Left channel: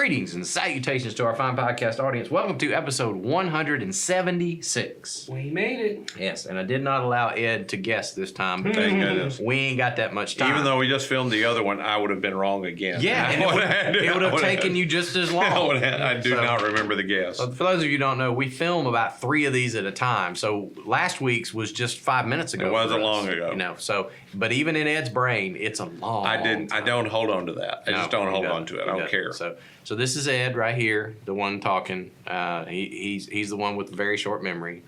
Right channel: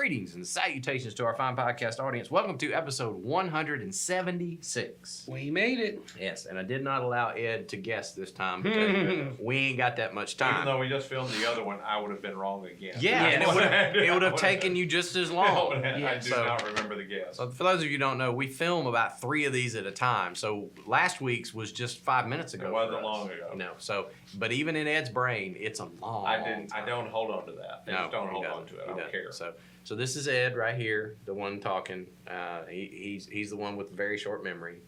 Greetings and salutations to our fine podcast audience. Welcome to episode 176. We made it. Yes, and I did not allow Ed to guess this time because we ain't got that much time. Even though we just filmed the other one, I would have been wrong again. Yeah, and it would have taken you just as long. I do not remember the guess. For those of you who don't know, we film about 3 of these at a time. So last week's was just 5 minutes ago. It wasn't long ago. You know, so but even in Ed's brain, it's a long. I don't hold on to that. I just don't hold on to it. I don't care. So this is Ed right here, the one talking. He's the one with the very short memory.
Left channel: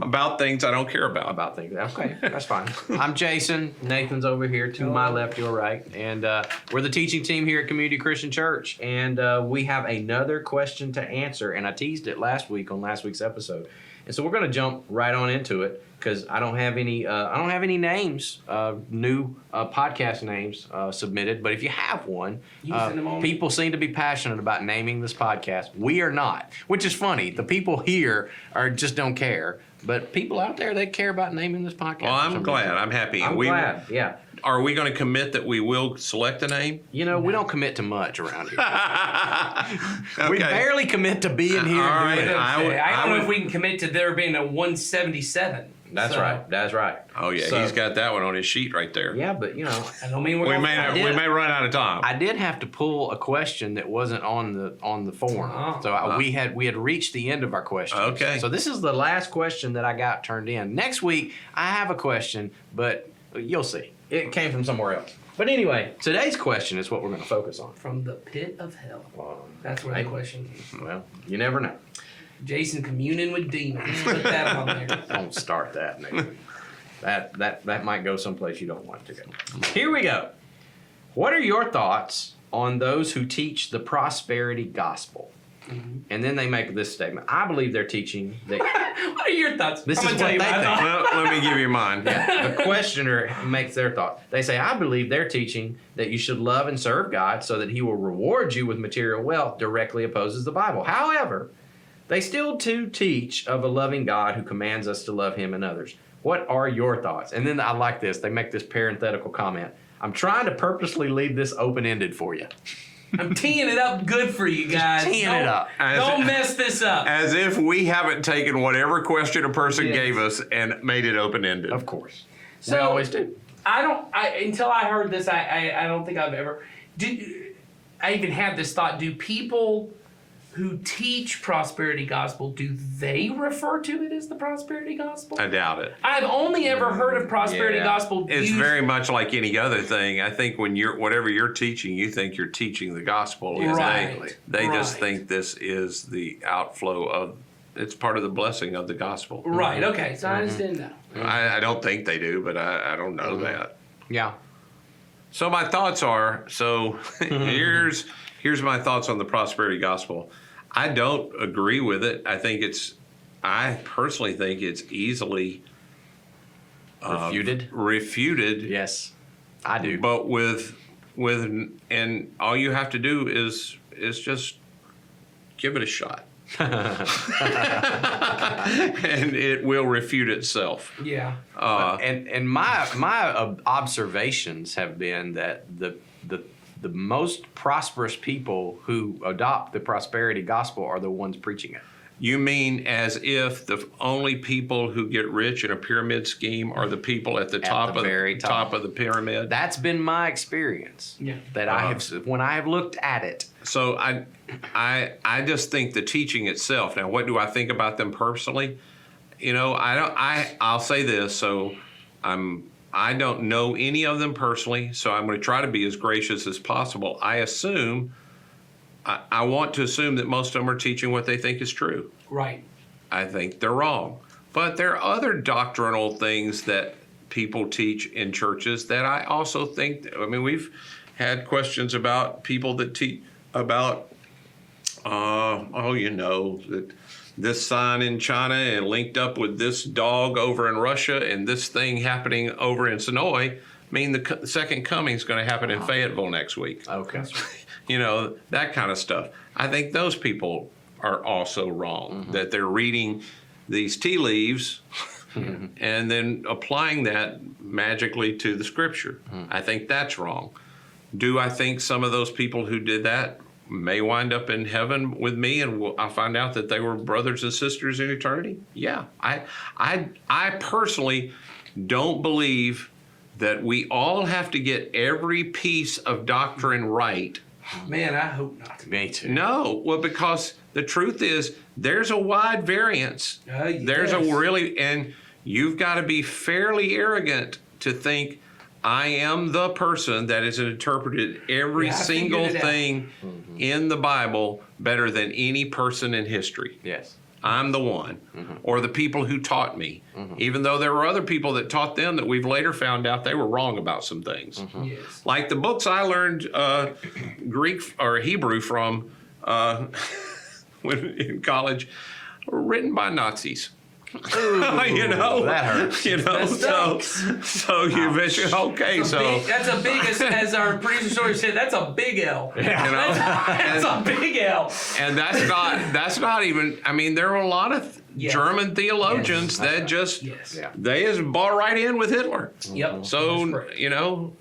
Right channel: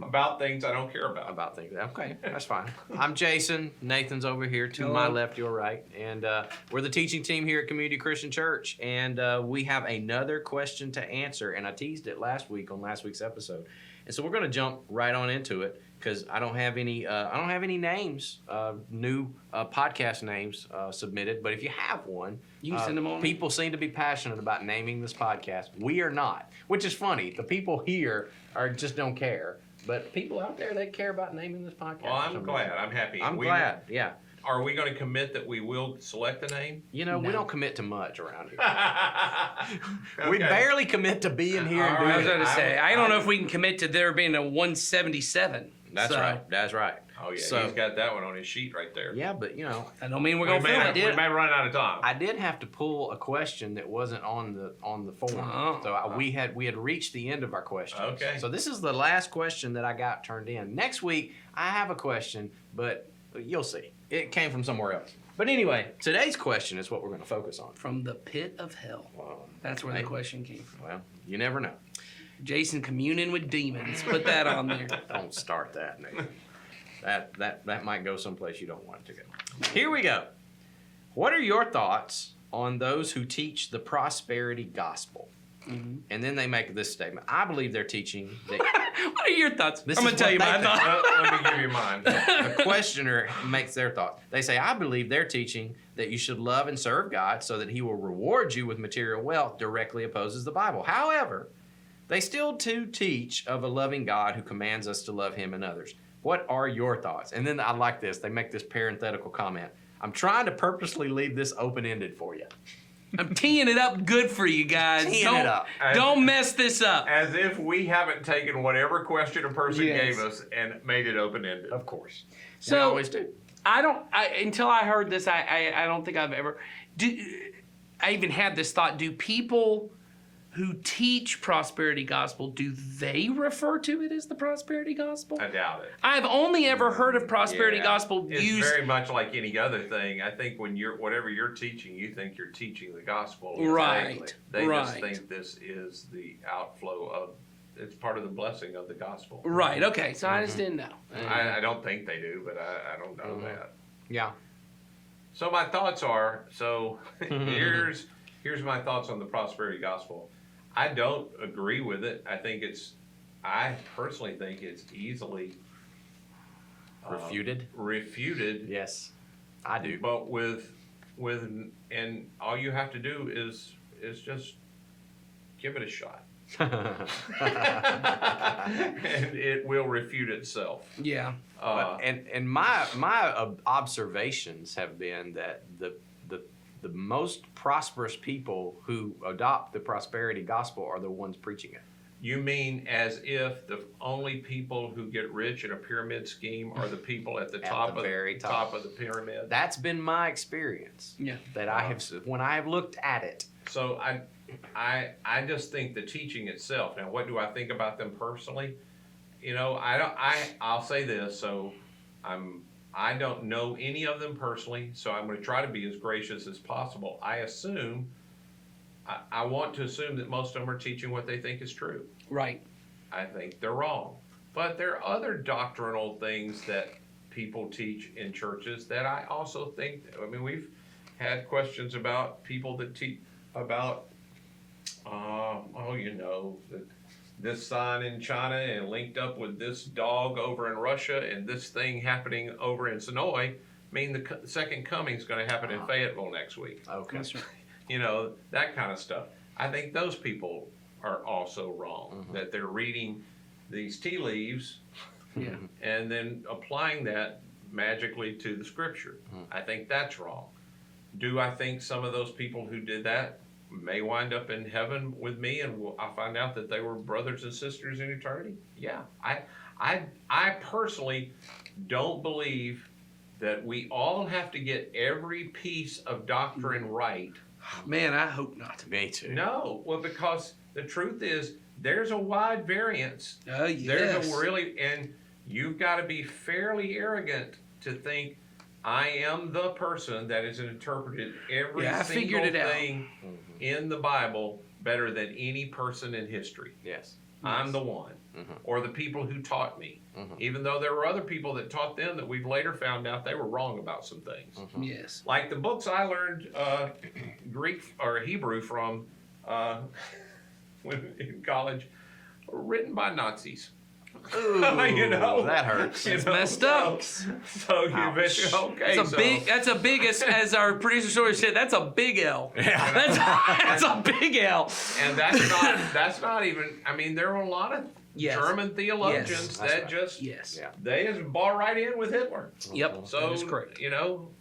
About things I don't care about. About things. Okay, that's fine. I'm Jason. Nathan's over here to my left, your right. And we're the teaching team here at Community Christian Church. And we have another question to answer. And I teased it last week on last week's episode. And so we're going to jump right on into it because I don't have any names, new podcast names submitted. But if you have one, people seem to be passionate about naming this podcast. We are not, which is funny. The people here just don't care. But people out there, they care about naming this podcast. Well, I'm glad. I'm happy. I'm glad, yeah. Are we going to commit that we will select a name? You know, we don't commit to much around here. Okay. We barely commit to being here and doing it. I don't know if we can commit to there being a 177. That's right. That's right. Oh, yeah. So, he's got that one on his sheet right there. Yeah, but, you know. I don't mean we may run out of time. I did have to pull a question that wasn't on the form. We had reached the end of our questions. Okay. So this is the last question that I got turned in. Next week, I have a question, but you'll see. It came from somewhere else. But anyway, today's question is what we're going to focus on. From the pit of hell. Well, that's where the question came from. Well, you never know. Jason communing with demons. Put that on there. Don't start that, Nathan. That might go someplace you don't want it to go. Here we go. What are your thoughts on those who teach the prosperity gospel? Mm-hmm. And then they make this statement. I believe they're teaching that. What are your thoughts? I'm going to tell you my thoughts. Let me give you mine. The questioner makes their thoughts. They say, I believe they're teaching that you should love and serve God so that he will reward you with material wealth, directly opposes the Bible. However, they still do teach of a loving God who commands us to love him and others. What are your thoughts? And then I like this. They make this parenthetical comment. I'm trying to purposely leave this open-ended for you. I'm teeing it up good for you guys. Teeing it up. Don't mess this up. As if we haven't taken whatever question a person gave us and made it open-ended. Of course. So, we always do. Until I heard this, I don't think I've ever... I even had this thought. Do people who teach prosperity gospel, do they refer to it as the prosperity gospel? I doubt it. I've only ever heard of prosperity gospel It's used... very much like any other thing. I think when whatever you're teaching, you think you're teaching the gospel. Right. They just think this is the outflow of, it's part of the blessing of the gospel. Right, okay, so I understand now. I don't think they do, but I don't know that. Yeah. So my thoughts are, here's my thoughts on the prosperity gospel. I don't agree with it. I personally think it's easily refuted. Yes, I do. But and all you have to do is just give it a shot. And it will refute itself. Yeah. And my observations have been that the most prosperous people who adopt the prosperity gospel are the ones preaching it. You mean as if the only people who get rich in a pyramid scheme are the people at the top of the pyramid? That's been my experience. Yeah. That I have when I have looked at it. So I just think the teaching itself. Now, what do I think about them personally? You know, I'll say this. So I don't know any of them personally, so I'm going to try to be as gracious as possible. I want to assume that most of them are teaching what they think is true. Right. I think they're wrong. But there are other doctrinal things that people teach in churches that I also think, we've had questions about people that teach about, that this sign in China and linked up with this dog over in Russia and this thing happening over in Sonoy mean the second coming is going to happen in Fayetteville next week. Okay. You know, that kind of stuff. I think those people are also wrong, that they're reading these tea leaves and then applying that magically to the scripture. I think that's wrong. Do I think some of those people who did that may wind up in heaven with me, and I'll find out that they were brothers and sisters in eternity. Yeah, I personally don't believe that we all have to get every piece of doctrine right. Man, I hope not. Me too. No, well, because the truth is there's a wide variance. There's Yes. a really, and you've got to be fairly arrogant to think I am the person that has interpreted every Yeah, I figured single it out. thing in the Bible better than any person in history. Yes. I'm the one, or the people who taught me, even though there were other people that taught them that we've later found out they were wrong about some things. Yes. Like the books I learned Greek or Hebrew from when in college were written by Nazis. Ooh, You know, that hurts. You know, Messed up. so you eventually That's a big, as our producer sort of said, that's a big L. That's a big L. and that's not even. I mean, there were a lot of Yes. German theologians Yes. that That's just Yes. Yeah. they just bought right in with Hitler. Yep. That's So correct. you know,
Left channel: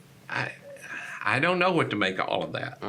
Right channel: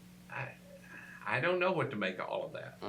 I don't know what to make of all of that,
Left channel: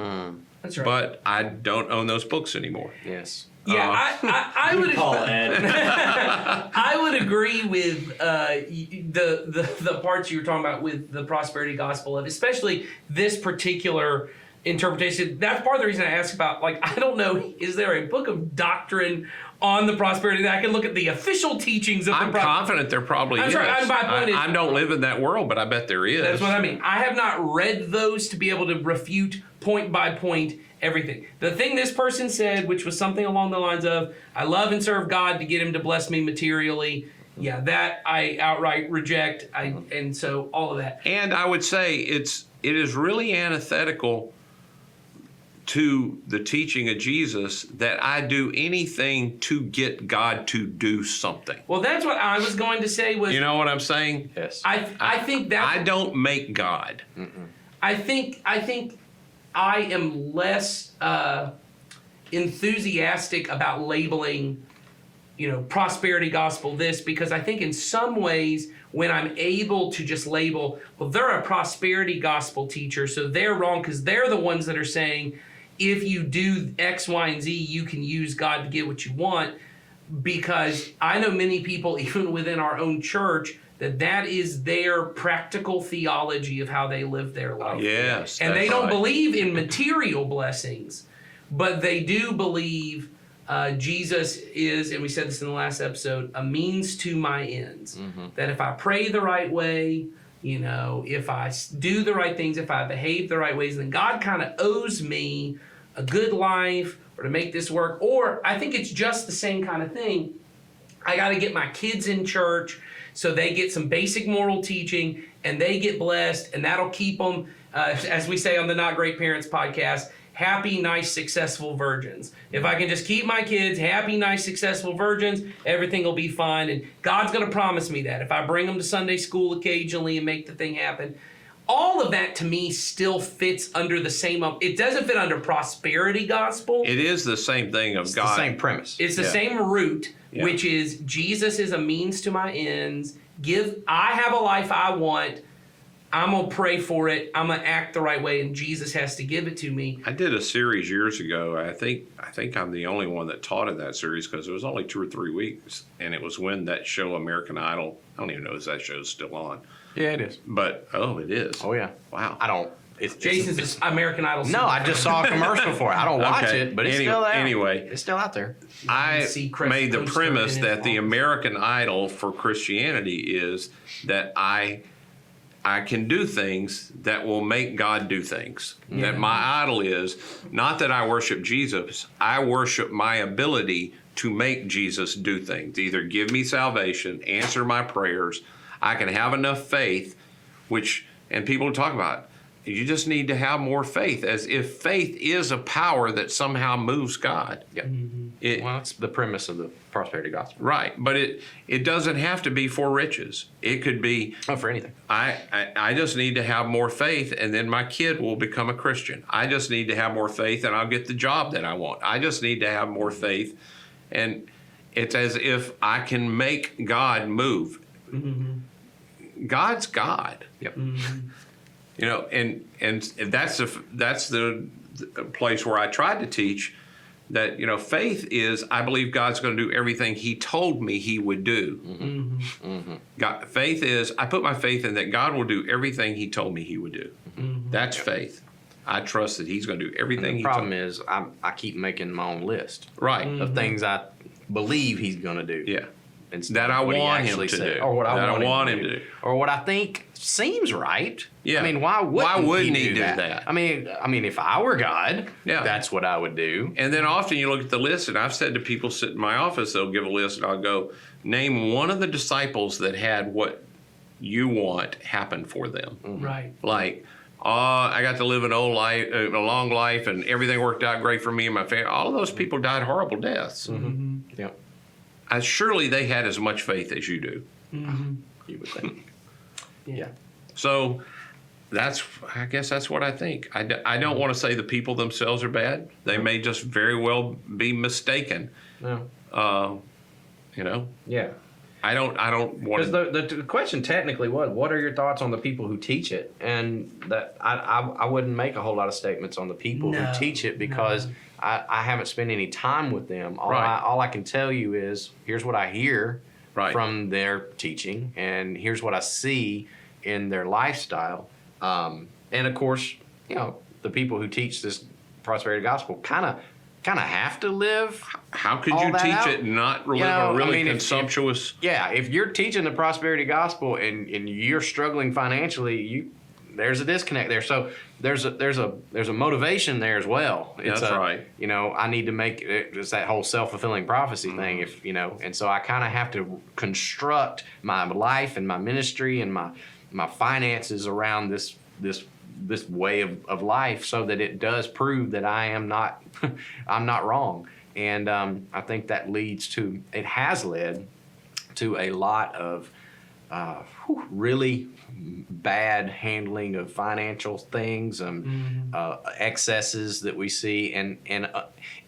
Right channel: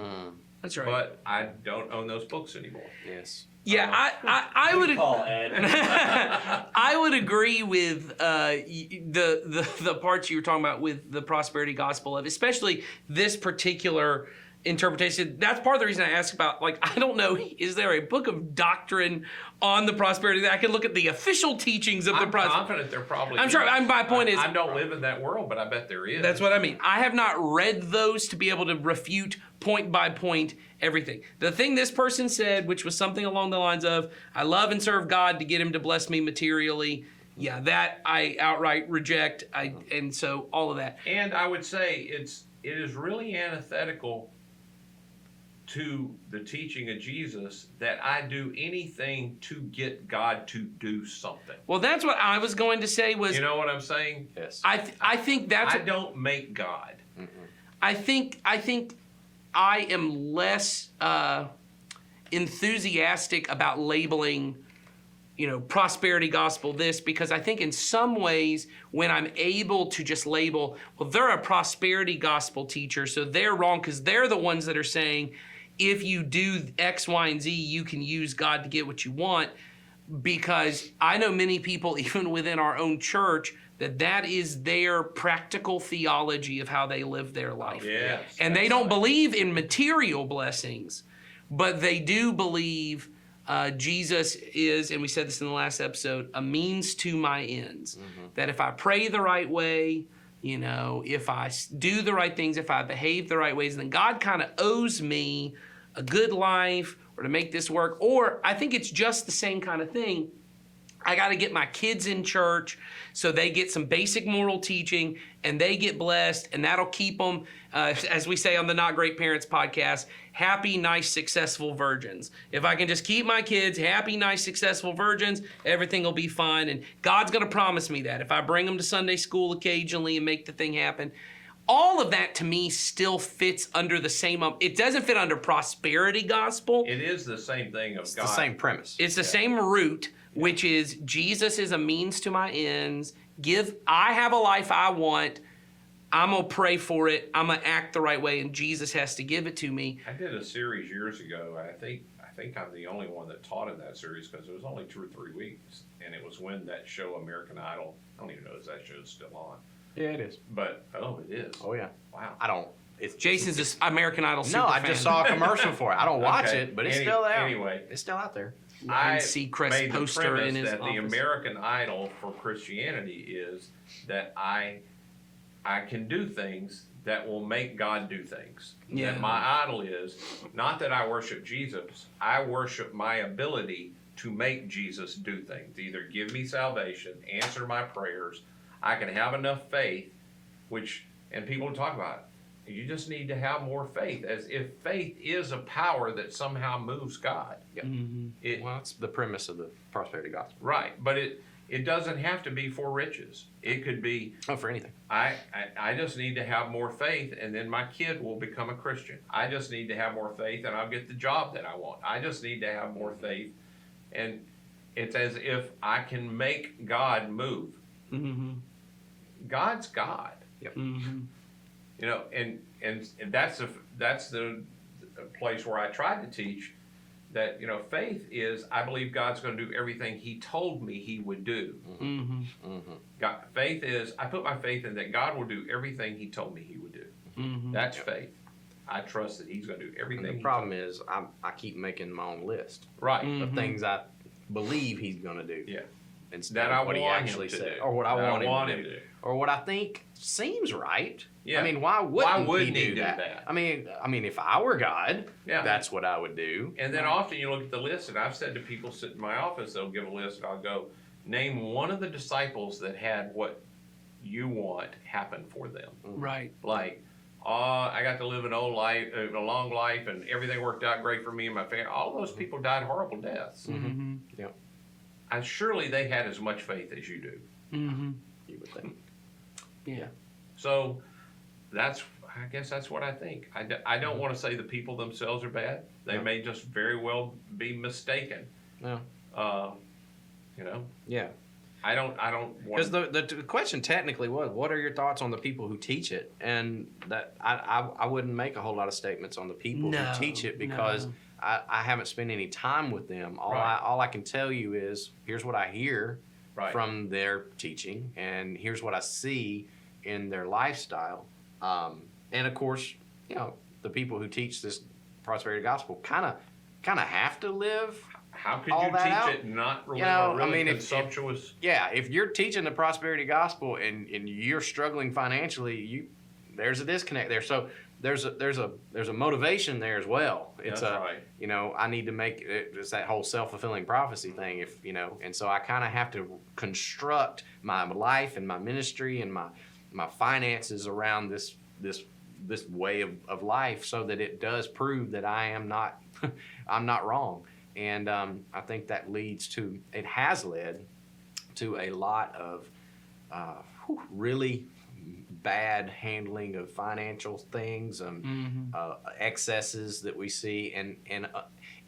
That's right. but I don't own those books anymore. Yes. Yeah, I would Call Ed. I would agree with the parts you were talking about with the prosperity gospel, of especially this particular interpretation. That's part of the reason I asked about, like, I don't know, is there a book of doctrine on the prosperity that I can look at the official teachings of I'm the prosperity? confident there probably I'm is. sure- my point is- I don't live in that world, but I bet there is. That's what I mean. I have not read those to be able to refute point by point everything. The thing this person said, which was something along the lines of, I love and serve God to get him to bless me materially. Yeah, that I outright reject. And so all of that. And I would say it is really antithetical to the teaching of Jesus that I do anything to get God to do something. Well, that's what I was going to say was, You know what I'm saying? Yes. I think that's, I don't make God. I think I am less enthusiastic about labeling, prosperity gospel this, because I think in some ways when I'm able to just label, well, they're a prosperity gospel teacher, so they're wrong because they're the ones that are saying if you do X, Y, and Z, you can use God to get what you want. Because I know many people, even within our own church, that is their practical theology of how they live their life. Yes. And that's they don't right. believe in material blessings, but they do believe Jesus is, and we said this in the last episode, a means to my ends. That if I pray the right way, if I do the right things, if I behave the right ways, then God kind of owes me a good life or to make this work. Or I think it's just the same kind of thing. I got to get my kids in church so they get some basic moral teaching and they get blessed, and that'll keep them, as we say on the Not Great Parents podcast, happy, nice, successful virgins. If I can just keep my kids happy, nice, successful virgins, everything will be fine. And God's going to promise me that if I bring them to Sunday school occasionally and make the thing happen. All of that to me still fits under the same, it doesn't fit under prosperity gospel. It is the same thing of It's God. the same premise. It's the Yeah. same root, Yeah. which is Jesus is a means to my ends. I have a life I want. I'm going to pray for it. I'm going to act the right way, and Jesus has to give it to me. I did a series years ago. I think I'm the only one that taught in that series because it was only 2 or 3 weeks, and it was when that show American Idol. I don't even know if that show's still on. Yeah, it is. But it is. Oh yeah. Wow. I don't. It's Jason's this American Idol. No, I just saw a commercial for it. I don't watch Okay. it, but it's still there. Anyway. It's still out there. I Seacrest made the poster premise in his that the office. American Idol for Christianity is that I can do things that will make God do things. Yeah. That my idol is not that I worship Jesus, I worship my ability to make Jesus do things. Either give me salvation, answer my prayers. I can have enough faith, and people talk about, you just need to have more faith, as if faith is a power that somehow moves God. Yep. It- Well, that's the premise of the prosperity gospel. Right, but it doesn't have to be for riches. It could be, Not for anything. I just need to have more faith, and then my kid will become a Christian. I just need to have more faith, and I'll get the job that I want. I just need to have more faith, and it's as if I can make God move. God's God. Yep. And that's the a place where I tried to teach that, faith is, I believe God's going to do everything He told me He would do. Faith is, I put my faith in that God will do everything He told me He would do. That's faith. I trust that He's going to do everything. The problem is I keep making my own list Right. of things I believe He's going to do. Yeah. Instead That of I what he want actually him to said, do. or what I That want him to do, or what I think seems right. Yeah. I mean, why wouldn't he do do that? that? I mean, if I were God, Yeah. that's what I would do. And then often you look at the list, and I've said to people sit in my office, they'll give a list, and I'll go, name one of the disciples that had what you want happen for them. Right. Like, I got to live a long life, and everything worked out great for me and my family. All of those people died horrible deaths. Yeah, Surely they had as much faith as you do. you would think. Yeah. So I guess that's what I think. I don't want to say the people themselves are bad. They may just very well be mistaken. No. Yeah. I don't want Because the question technically was, what are your thoughts on the people who teach it? And that I wouldn't make a whole lot of statements on the people who teach it because I haven't spent any time with them. All I can tell you is, here's what I hear from their teaching, and here's what I see in their lifestyle. And of course, the people who teach this prosperity gospel kind of have to live. How could all you that teach out? it and not live a really consumptuous? If you're teaching the prosperity gospel and you're struggling financially, there's a disconnect there. So there's a motivation there as well. That's right. I need to make it's that whole self-fulfilling prophecy thing. And so I kind of have to construct my life and my ministry and my finances around this way of life so that it does prove that I am not I'm not wrong. And I think that it has led to a lot of really bad handling of financial things and excesses that we see. And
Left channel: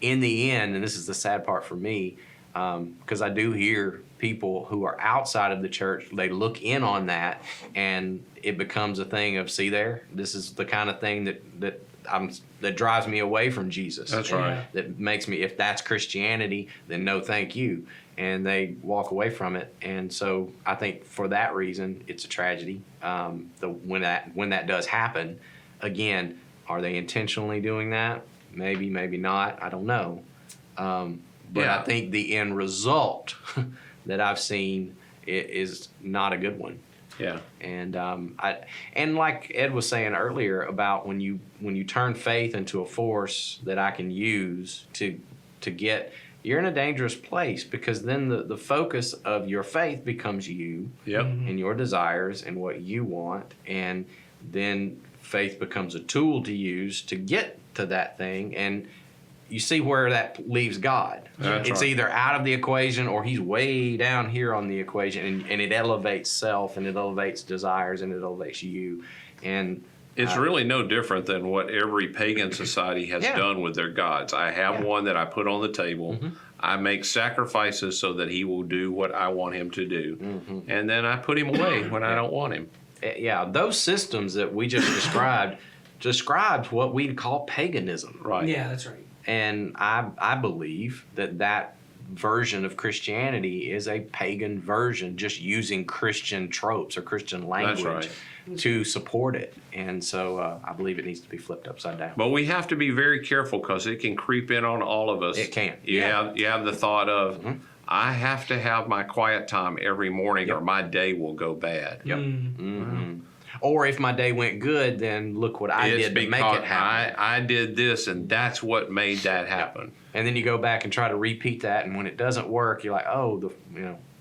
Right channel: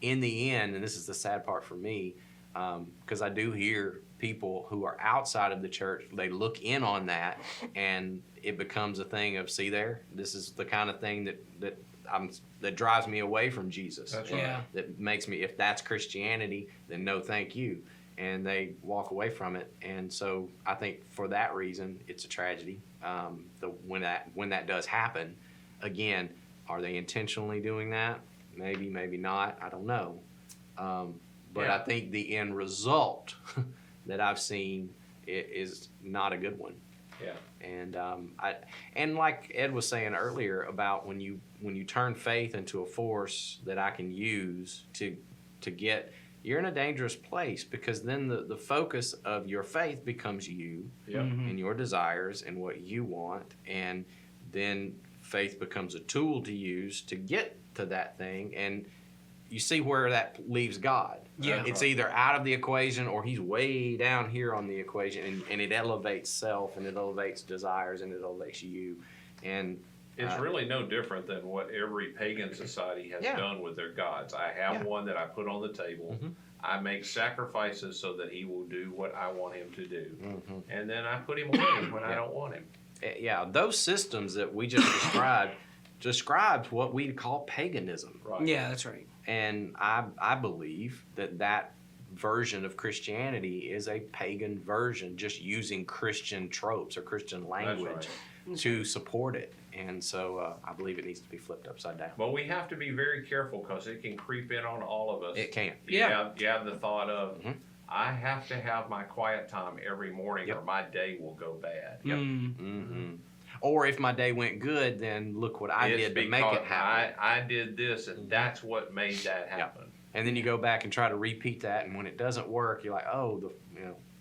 in the end, and this is the sad part for me, because I do hear people who are outside of the church, they look in on that, and it becomes a thing of, see there, this is the kind of thing that drives me away from Jesus. That's right. That makes me, if that's Christianity, then no thank you. And they walk away from it. And so I think for that reason, it's a tragedy. When that does happen, again, are they intentionally doing that? Maybe, maybe not. I don't know. But I think the end result that I've seen is not a good one. Yeah. And and like Ed was saying earlier about when you turn faith into a force that I can use to get, you're in a dangerous place, because then the focus of your faith becomes you and your desires and what you want, and then faith becomes a tool to use to get to that thing, and you see where that leaves God. It's either out of the equation or He's way down here on the equation, and it elevates self, and it elevates desires, and it elevates you. And it's really no different than what every pagan society has done with their gods. I have one that I put on the table. I make sacrifices so that he will do what I want him to do. And then I put him away when I don't want him. Yeah, those systems that we just described what we call paganism. Right. Yeah, that's right. And I believe that version of Christianity is a pagan version, just using Christian tropes or Christian language to support it. And so I believe it needs to be flipped upside down. But we have to be very careful, because it can creep in on all of us. It can. You have the thought of, I have to have my quiet time every morning or my day will go bad. Or if my day went good, then look what I did to make it happen. I did this, and that's what made that happen. And then you go back and try to repeat that, and when it doesn't work, you're like, oh,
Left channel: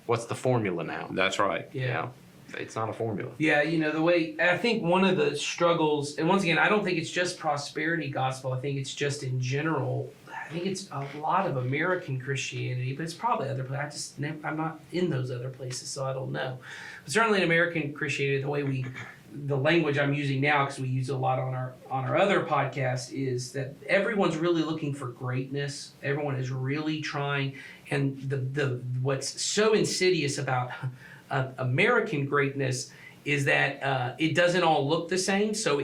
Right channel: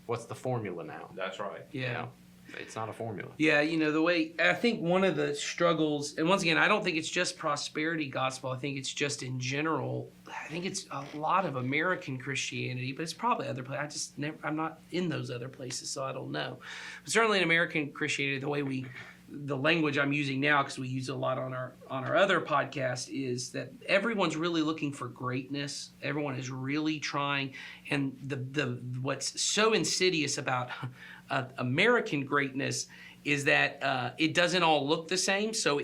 what's the formula now? That's right. Yeah. It's not a formula. Yeah, the way, I think one of the struggles, and once again, I don't think it's just prosperity gospel. I think it's just in general. I think it's a lot of American Christianity, but it's probably other places. I'm not in those other places, so I don't know. But certainly in American Christianity, the language I'm using now, because we use it a lot on our other podcast, is that everyone's really looking for greatness. Everyone is really trying, and the what's so insidious about American greatness is that it doesn't all look the same. So,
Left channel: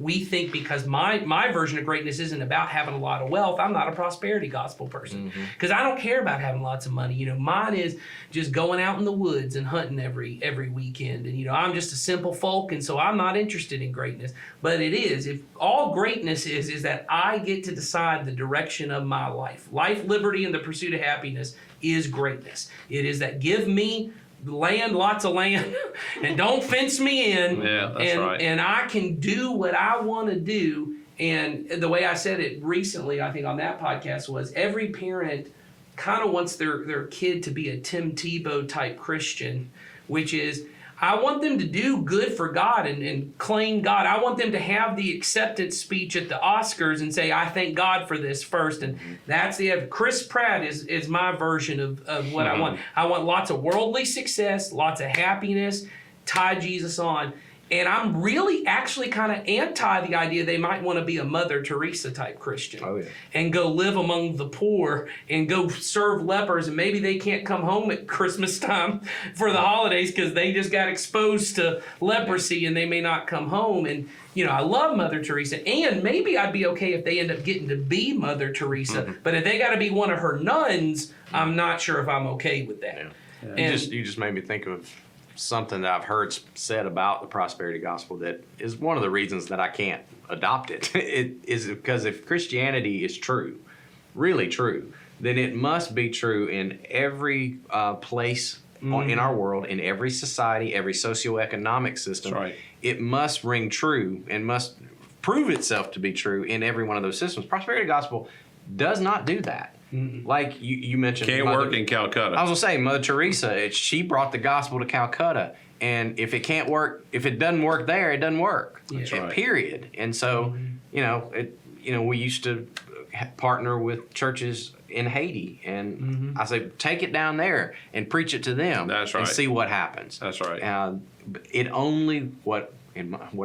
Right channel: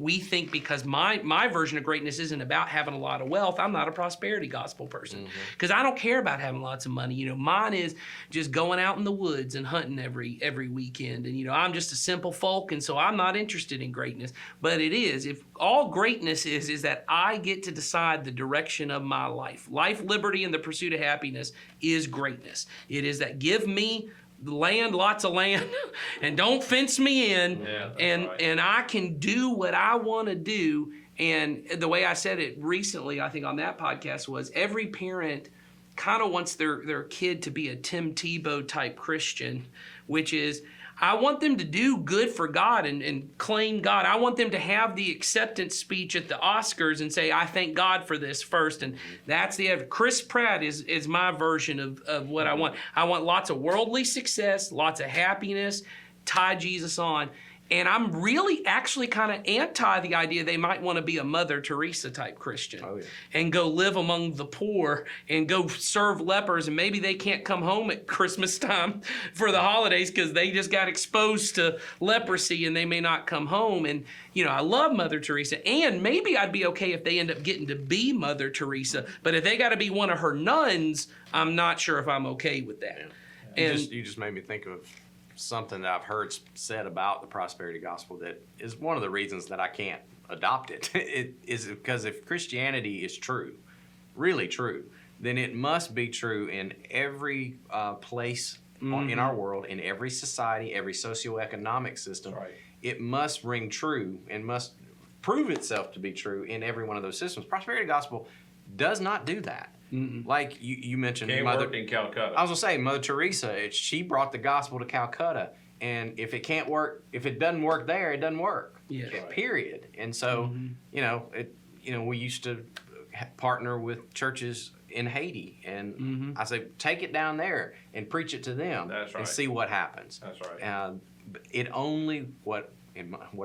we think because my version of greatness isn't about having a lot of wealth, I'm not a prosperity gospel person. Because I don't care about having lots of money. Mine is just going out in the woods and hunting every weekend. And, I'm just a simple folk, and so I'm not interested in greatness. But it is. If all greatness is that I get to decide the direction of my life. Life, liberty, and the pursuit of happiness is greatness. It is that give me land, lots of land, and don't fence me in. Yeah, that's and, right. And I can do what I want to do. And the way I said it recently, I think on that podcast, was every parent kind of wants their kid to be a Tim Tebow type Christian, which is, I want them to do good for God and claim God. I want them to have the acceptance speech at the Oscars and say, I thank God for this first. And that's Chris Pratt is my version of what I want. I want lots of worldly success, lots of happiness, tie Jesus on. And I'm really actually kind of anti the idea they might want to be a Mother Teresa type Christian. Oh, yeah. And go live among the poor and go serve lepers. And maybe they can't come home at Christmas time for the holidays because they just got exposed to leprosy and they may not come home. And, I love Mother Teresa. And maybe I'd be okay if they end up getting to be Mother Teresa. But if they got to be one of her nuns, I'm not sure if I'm okay with that. Yeah. And You just made me think of something that I've heard said about the prosperity gospel that is one of the reasons that I can't adopt it. It is because if Christianity is true, really true, then it must be true in every place in our world, in every society, every socioeconomic system. That's right. It must ring true and must prove itself to be true in every one of those systems. Prosperity gospel does not do that. Like you mentioned, Can't work in Calcutta. I was gonna say Mother Teresa. She brought the gospel to Calcutta, and if it doesn't work there, it doesn't work. That's right. Period. And so, we used to partner with churches in Haiti, and I say take it down there and preach it to them. That's And right. see what happens. That's right. It only what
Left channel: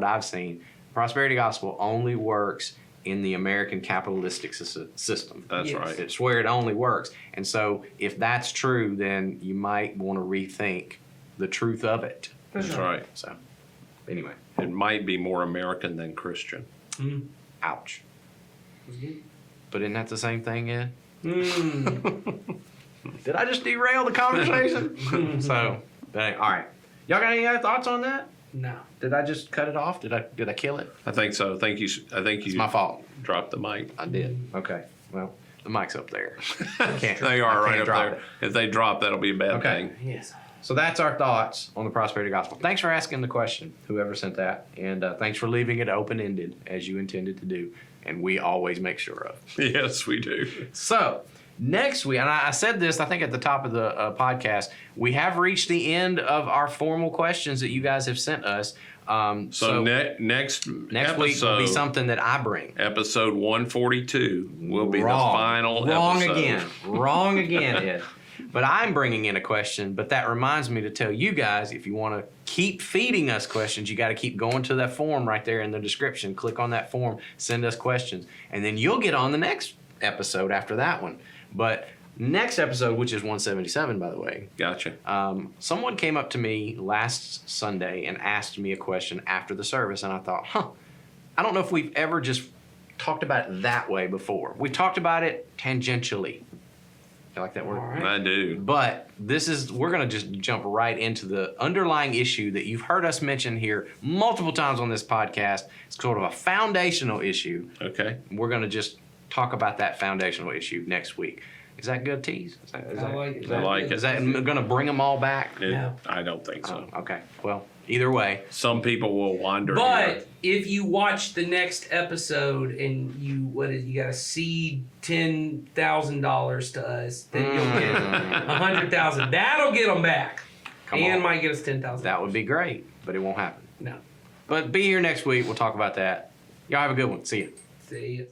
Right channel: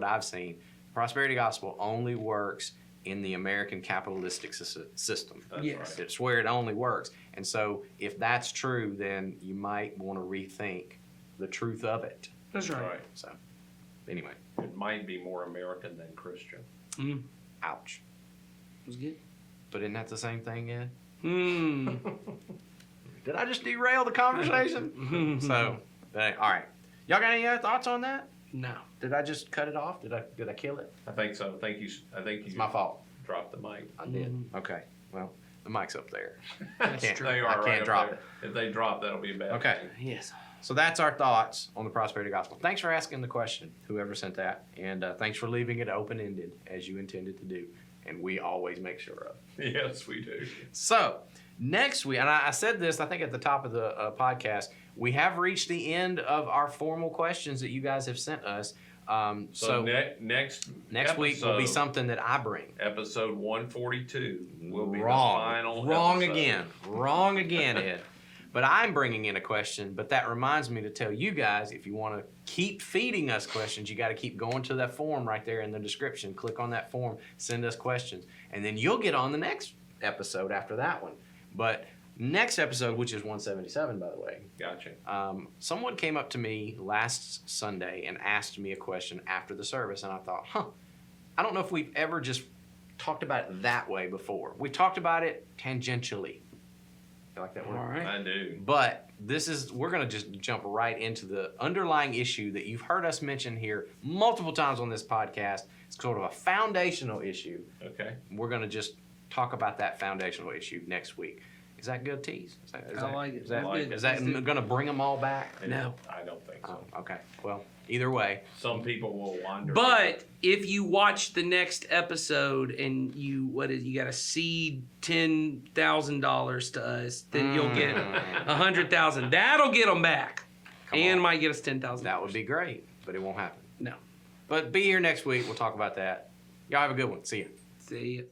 I've seen, prosperity gospel only works in the American capitalistic system. That's Yes. right. It's where it only works. And so if that's true, then you might want to rethink the truth of it. That's right. So anyway, It might be more American than Christian. ouch. Was good. But isn't that the same thing, Ed? Mm. Did I just derail the conversation? So, all right. Y'all got any other thoughts on that? No. Did I just cut it off? Did I kill it? I think so. I think It's you my fault. dropped the mic. I did. Okay. Well, the mic's up there. Can't- They I are can't right up drop there. it. If they drop, that'll be a bad Okay. thing. Yes. So that's our thoughts on the prosperity gospel. Thanks for asking the question, whoever sent that, and thanks for leaving it open-ended as you intended to do, and we always make sure of. Yes, we do. So next week, and I said this, I think at the top of the podcast, we have reached the end of our formal questions that you guys have sent us. So next next week will be episode- something that I bring. Episode 142 will be Wrong. the final Wrong episode. again. Wrong again, Ed. But I'm bringing in a question, but that reminds me to tell you guys, if you want to keep feeding us questions, you got to keep going to that form right there in the description. Click on that form, send us questions, and then you'll get on the next episode after that one. But next episode, which is 177, by the way, Gotcha. someone came up to me last Sunday and asked me a question after the service, and I thought, I don't know if we've ever just talked about it that way before. We talked about it tangentially. You like that word? All right. I do. But we're going to just jump right into the underlying issue that you've heard us mention here multiple times on this podcast. It's sort of a foundational issue. Okay. We're going to just talk about that foundational issue next week. Is that good, Tease? I like it. I like it. Is that going to bring them all back? No. I don't think so. Oh, okay. Well, either way. Some people will wander. But if you watch the next episode and you got to seed $10,000 to us, then you'll get $100,000. That'll get them back, Come and on. might get us $10,000. That would be great, but it won't happen. No. But be here next week. We'll talk about that. Y'all have a good one. See you. See ya.